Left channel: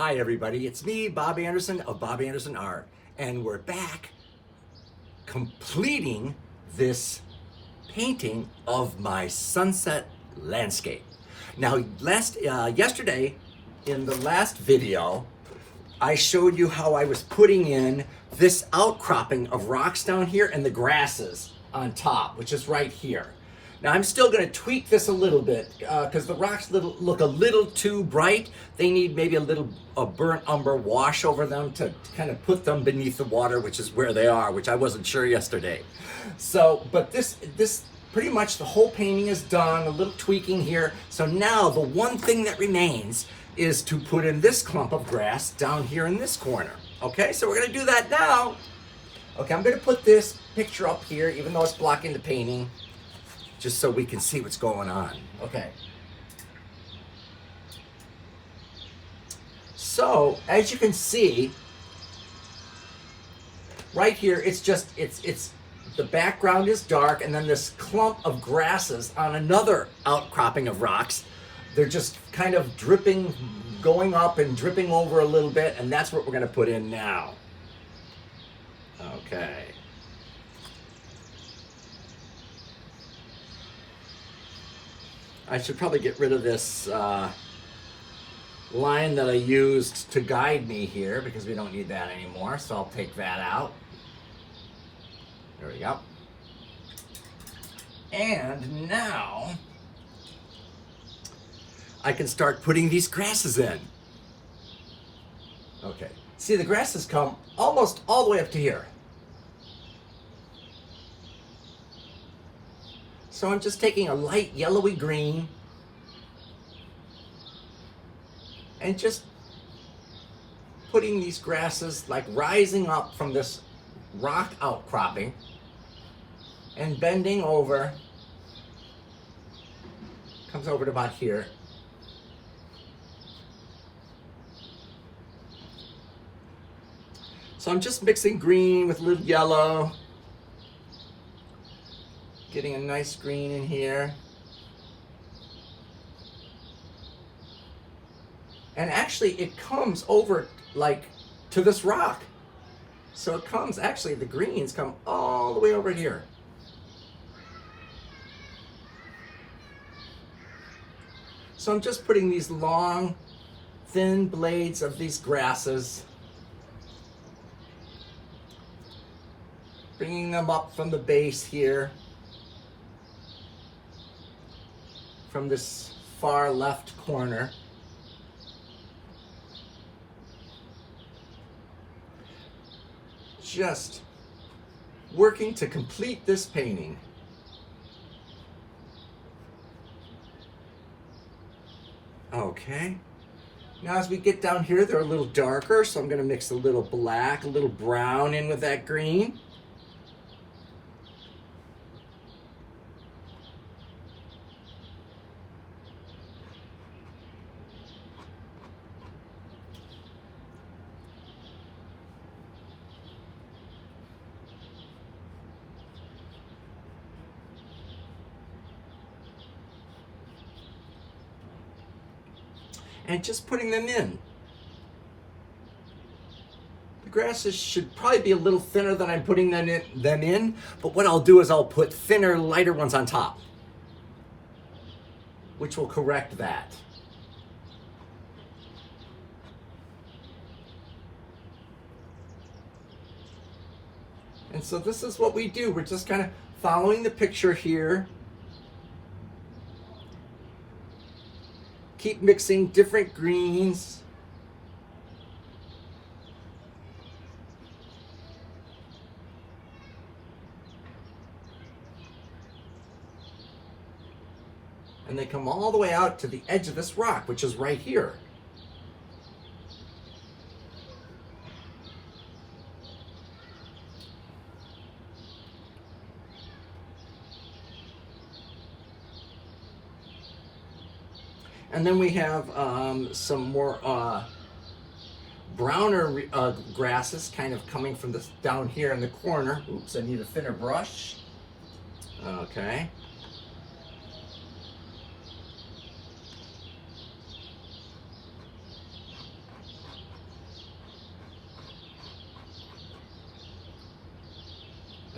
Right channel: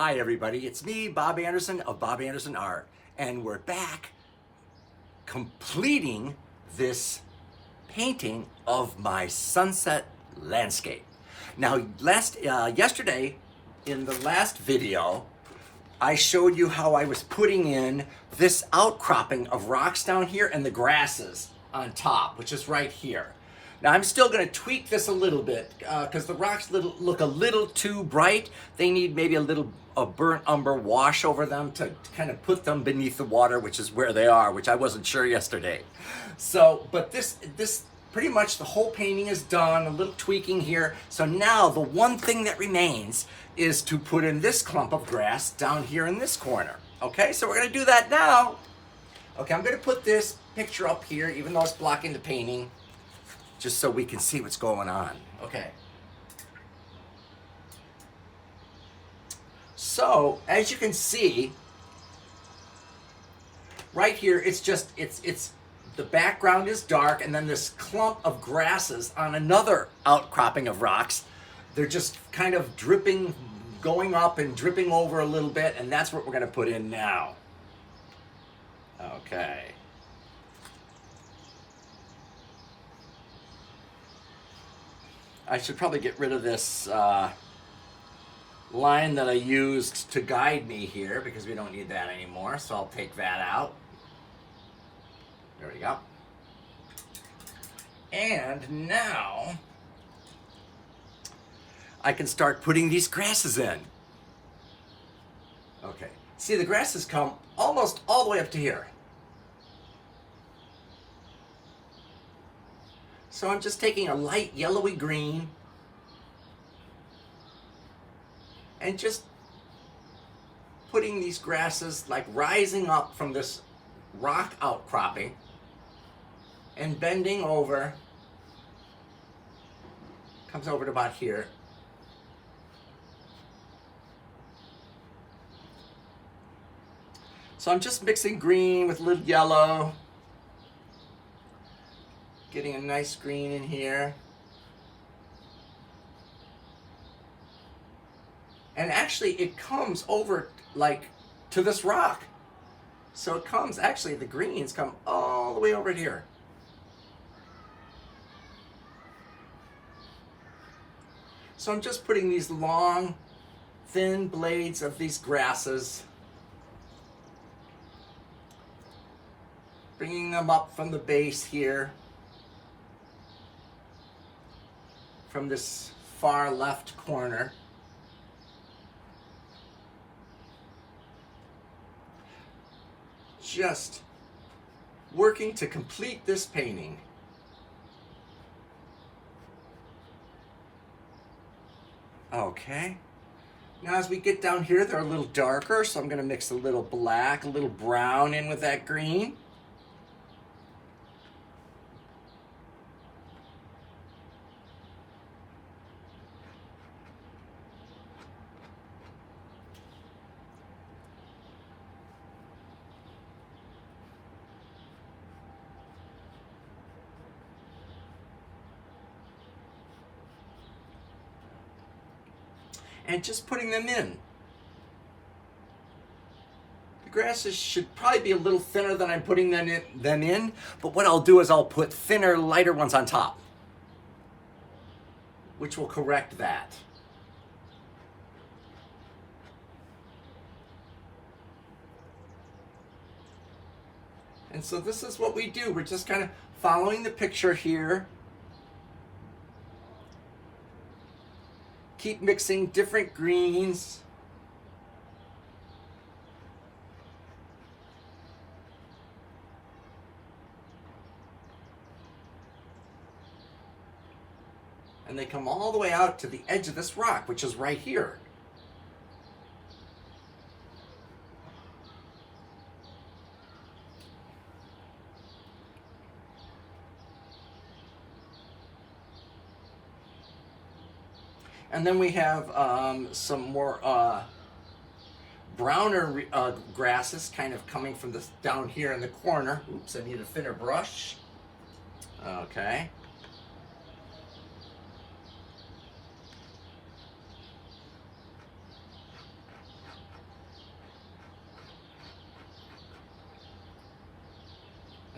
Hi everybody, it's me, Bob Anderson of Bob Anderson Art, and we're back completing this painting of my sunset landscape. Now, yesterday, in the last video, I showed you how I was putting in this outcropping of rocks down here and the grasses on top, which is right here. Now I'm still going to tweak this a little bit because the rocks look a little too bright. They need maybe a burnt umber wash over them to kind of put them beneath the water, which is where they are, which I wasn't sure yesterday. So, but this pretty much the whole painting is done, a little tweaking here. So now the one thing that remains is to put in this clump of grass down here in this corner. Okay, so we're going to do that now. Okay, I'm going to put this picture up here, even though it's blocking the painting, just so we can see what's going on. Okay. So, as you can see, right here, it's the background is dark, and then this clump of grasses on another outcropping of rocks. They're just kind of dripping, going up and dripping over a little bit, and that's what we're going to put in now. Okay. I should probably get rid of this line that I used to guide me here because we don't need that anymore. So I'll take that out. There we go. And now I can start putting these grasses in. Okay. See, the grasses come almost all the way up to here. So I'm just taking a light yellowy green and just putting these grasses like rising up from this rock outcropping and bending over, comes over to about here. So I'm just mixing green with a little yellow. Getting a nice green in here. And actually it comes over like to this rock. So it comes, actually the greens come all the way over here. So I'm just putting these long, thin blades of these grasses, bringing them up from the base here. From this far left corner. Just working to complete this painting. Okay. Now as we get down here, they're a little darker, so I'm going to mix a little black, a little brown in with that green. And just putting them in. The grasses should probably be a little thinner than I'm putting them in, but what I'll do is I'll put thinner, lighter ones on top, which will correct that. And so this is what we do. We're just kind of following the picture here. Keep mixing different greens. And they come all the way out to the edge of this rock, which is right here. And then we have some more browner grasses kind of coming from this down here in the corner. Oops, I need a thinner brush. Okay.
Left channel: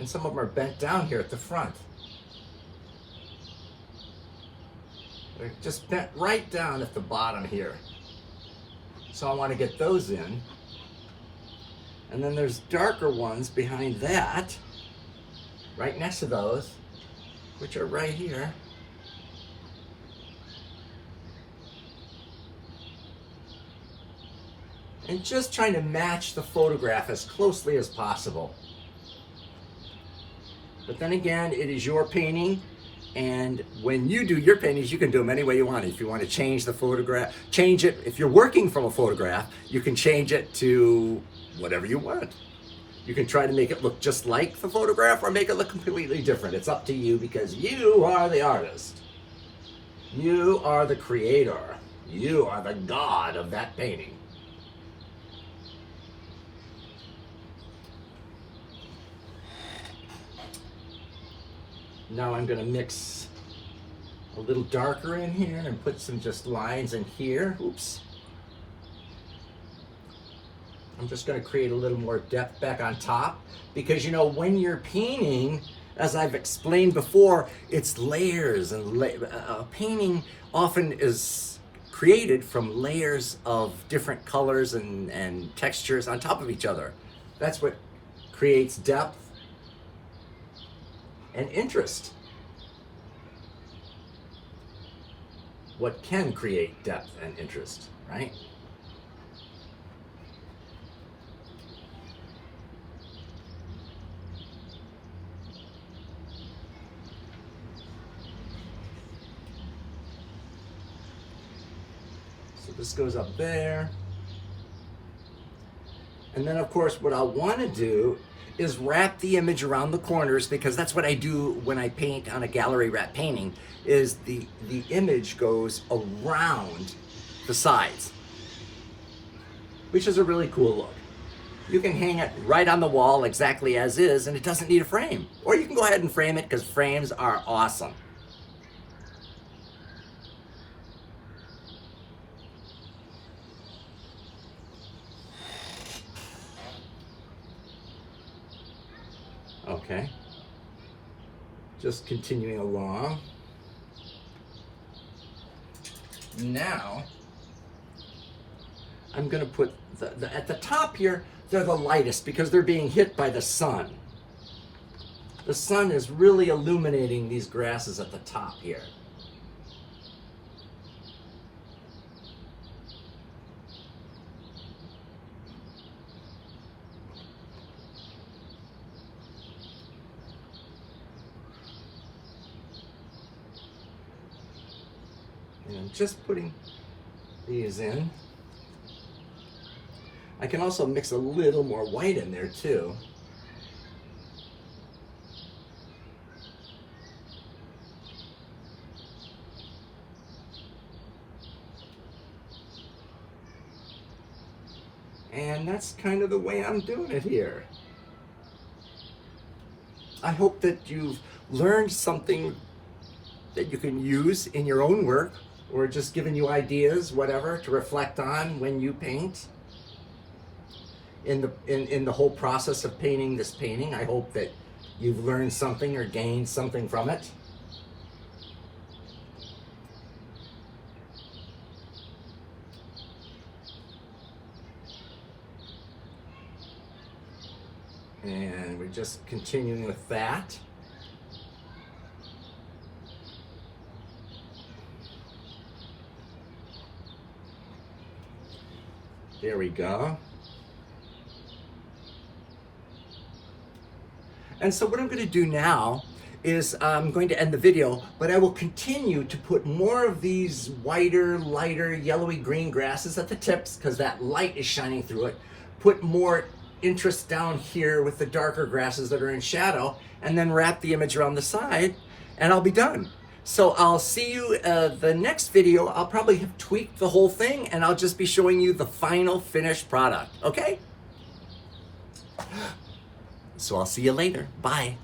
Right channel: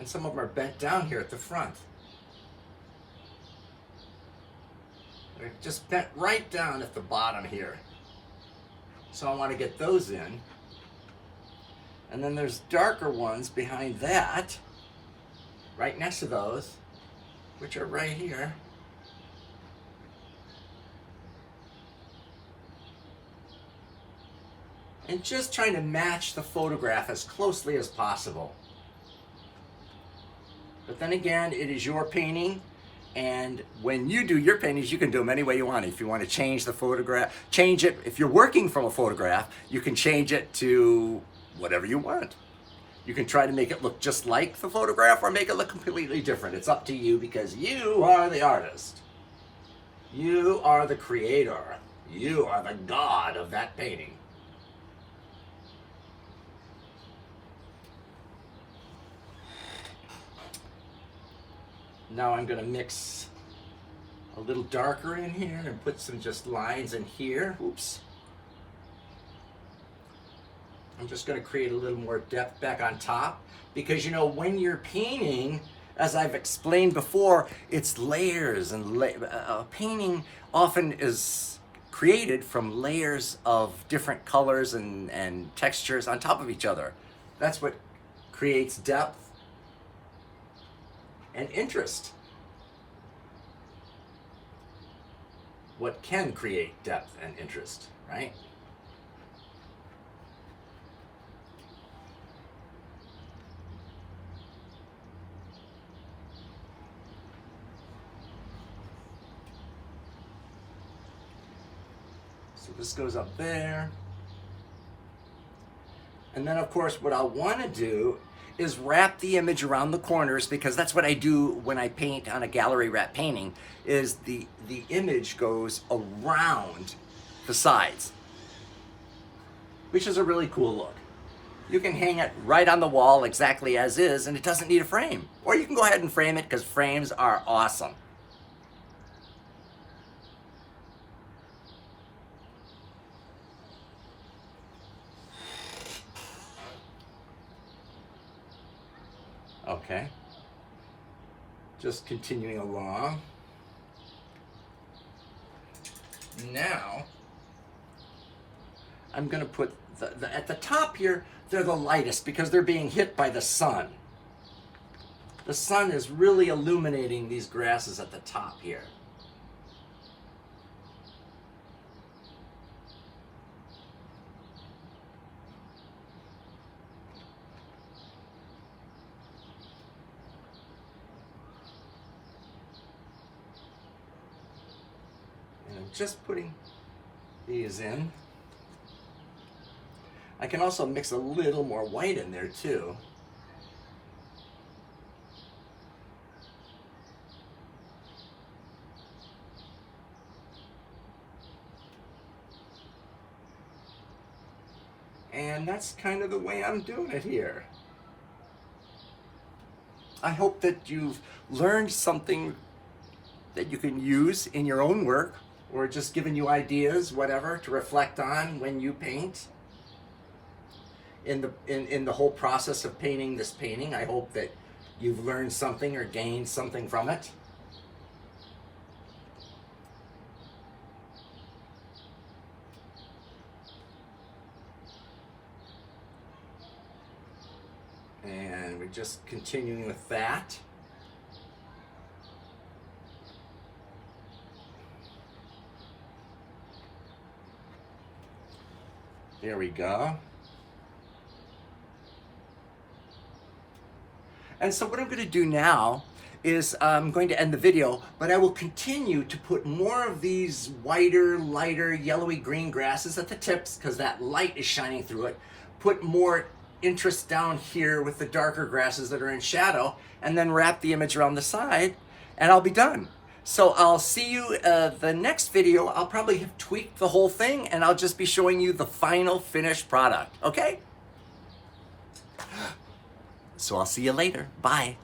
And some of them are bent down here at the front. They're just bent right down at the bottom here. So I want to get those in. And then there's darker ones behind that, right next to those, which are right here. And just trying to match the photograph as closely as possible. But then again, it is your painting, and when you do your paintings, you can do them any way you want. If you want to change the photograph, change it. If you're working from a photograph, you can change it to whatever you want. You can try to make it look just like the photograph or make it look completely different. It's up to you because you are the artist. You are the creator. You are the god of that painting. Now I'm going to mix a little darker in here and put some just lines in here. Oops. I'm just going to create a little more depth back on top because, you know, when you're painting, as I've explained before, it's layers, and painting often is created from layers of different colors and textures on top of each other. That's what creates depth and interest. What can create depth and interest, right? So this goes up there. And then of course what I'll want to do is wrap the image around the corners, because that's what I do when I paint on a gallery wrap painting, is the image goes around the sides, which is a really cool look. You can hang it right on the wall exactly as is, and it doesn't need a frame. Or you can go ahead and frame it, because frames are awesome. Okay, just continuing along. Now, I'm going to put at the top here, they're the lightest because they're being hit by the sun. The sun is really illuminating these grasses at the top here. And I'm just putting these in. I can also mix a little more white in there too. And that's kind of the way I'm doing it here. I hope that you've learned something that you can use in your own work, or just giving you ideas, whatever, to reflect on when you paint. In the whole process of painting this painting, I hope that you've learned something or gained something from it. And we're just continuing with that. There we go. And so what I'm going to do now is I'm going to end the video, but I will continue to put more of these whiter, lighter, yellowy green grasses at the tips, because that light is shining through it. Put more interest down here with the darker grasses that are in shadow, and then wrap the image around the side, and I'll be done. So I'll see you the next video. I'll probably have tweaked the whole thing, and I'll just be showing you the final finished product, okay? So I'll see you later. Bye.